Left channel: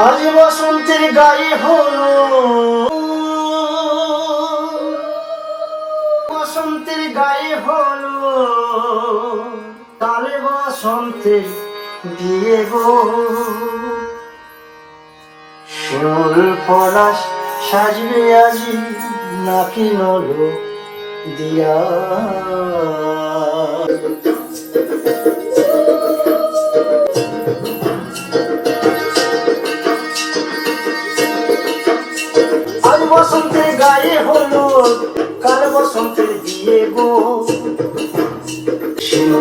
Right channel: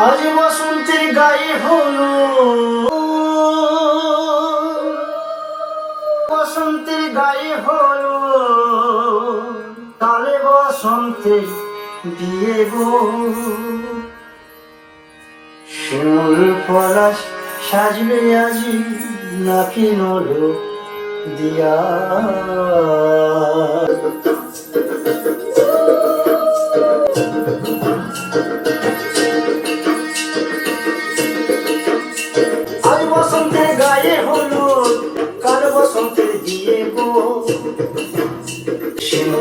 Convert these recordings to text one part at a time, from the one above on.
আজ বসন্তের গায়ে হলো বসন্তের গায়ে হলো কালে বসন্তে বিয়ে গো। শিমুল পলাশ সাজবে আজি নাকি নলো দিয়া।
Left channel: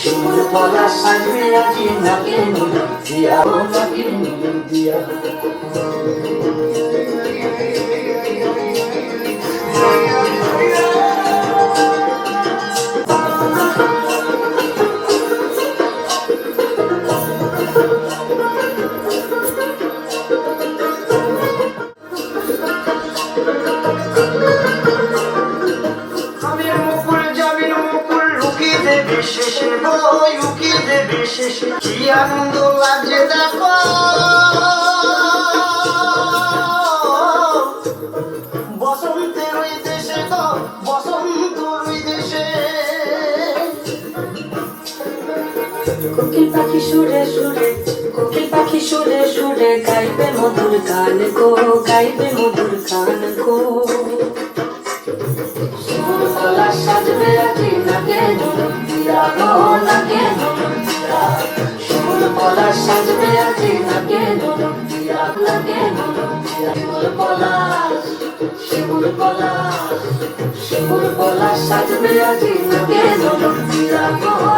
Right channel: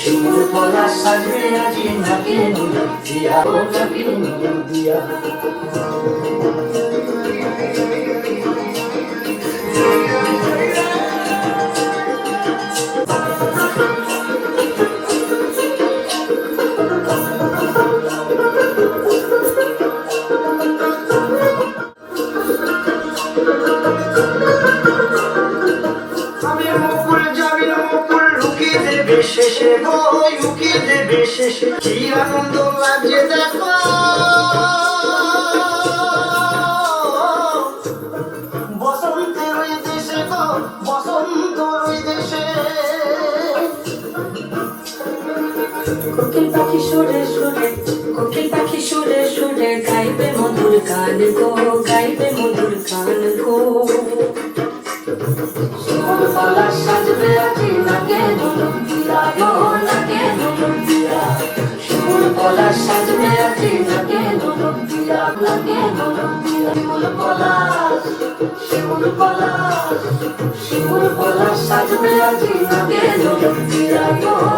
শিমুল পলাশ সাজবে আজি নাকি নলো দিয়া গো নাকি দিয়া আমি লাগছে দেখো বসন্তের দেশে গো বসন্ত ওই দেশে কোকিল পাখি সুরে সুরে কোকিল পাখি সুরে সুরে গাইবে মধুর গান গো গাইবে মধুর গান গো পলাশ সাজবে আজি নাকে দুলুক দিয়া গো নাকে পলাশ সাজবে আজি নাকে দুলুক দিয়া নাকে দুলুক দিয়া শিমুল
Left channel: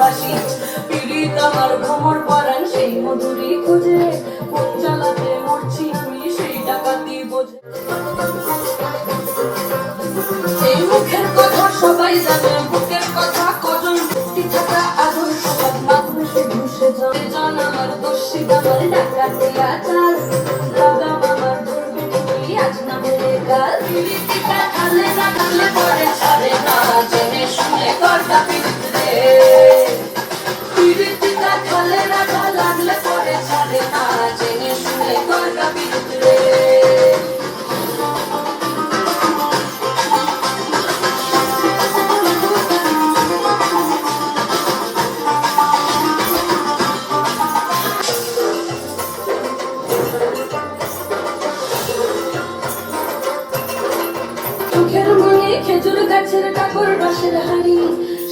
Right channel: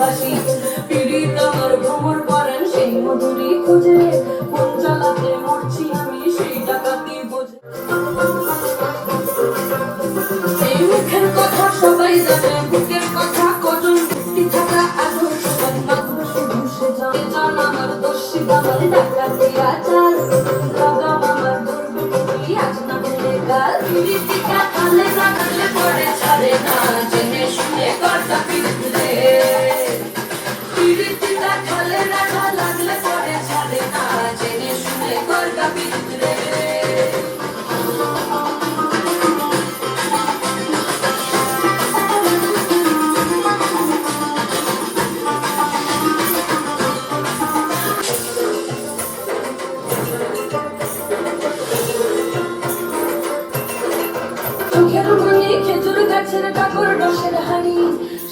বাসি পিড়িত আমার ভ্রমর পরান সেই মধুরি খুঁজে। কোন জ্বালাতে মরছি আমি, সেই ডাকাতি বোঝে। এই মুখের কথা সবাই জানে, বুকের কথা কজন মুক্তি থাকা আদর। মাত্র সে জানে জান আমার দোষী আমার ডাকাতিয়া চাল দাদা আমার ধরবে আজ না বলে কাল পিরিতিকা কালে না কালে পড়ে ছাড়ে না জেনে শুনে করতা খেজুর গাছের কাকর রসের হাড়ি,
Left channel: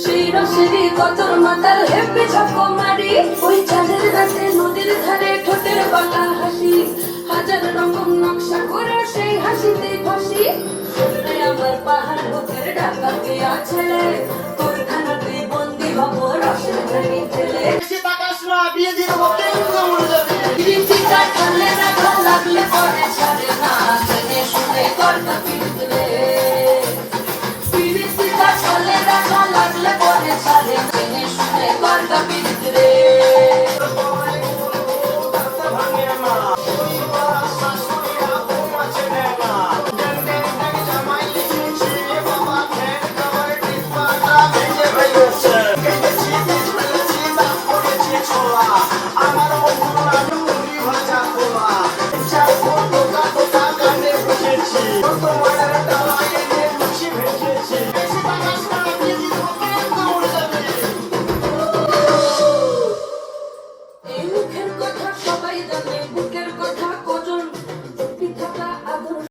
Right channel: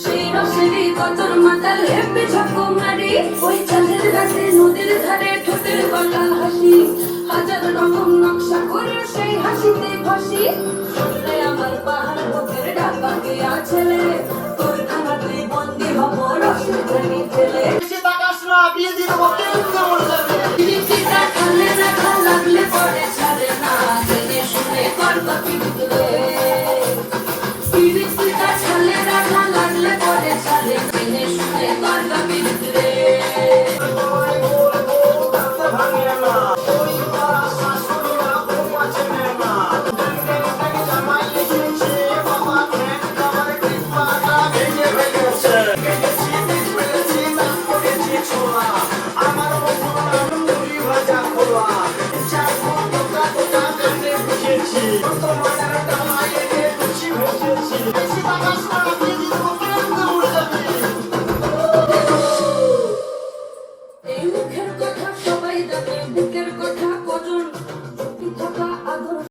সেই রসেরই কতর মাতাল হেপে ঝাঁকো মারি। ওই চাঁদের রাতে নদীর ধারে ঠোঁটের বাঁকা হাসি, হাজার রকম নকশা করে সেই হাসিতে ফাঁসি আমার পাহাড় বুকের ডাকা দিয়া তোর খানাতে বন্দি হব রসের ঝাড়ি ছেলে টাকা দিয়ে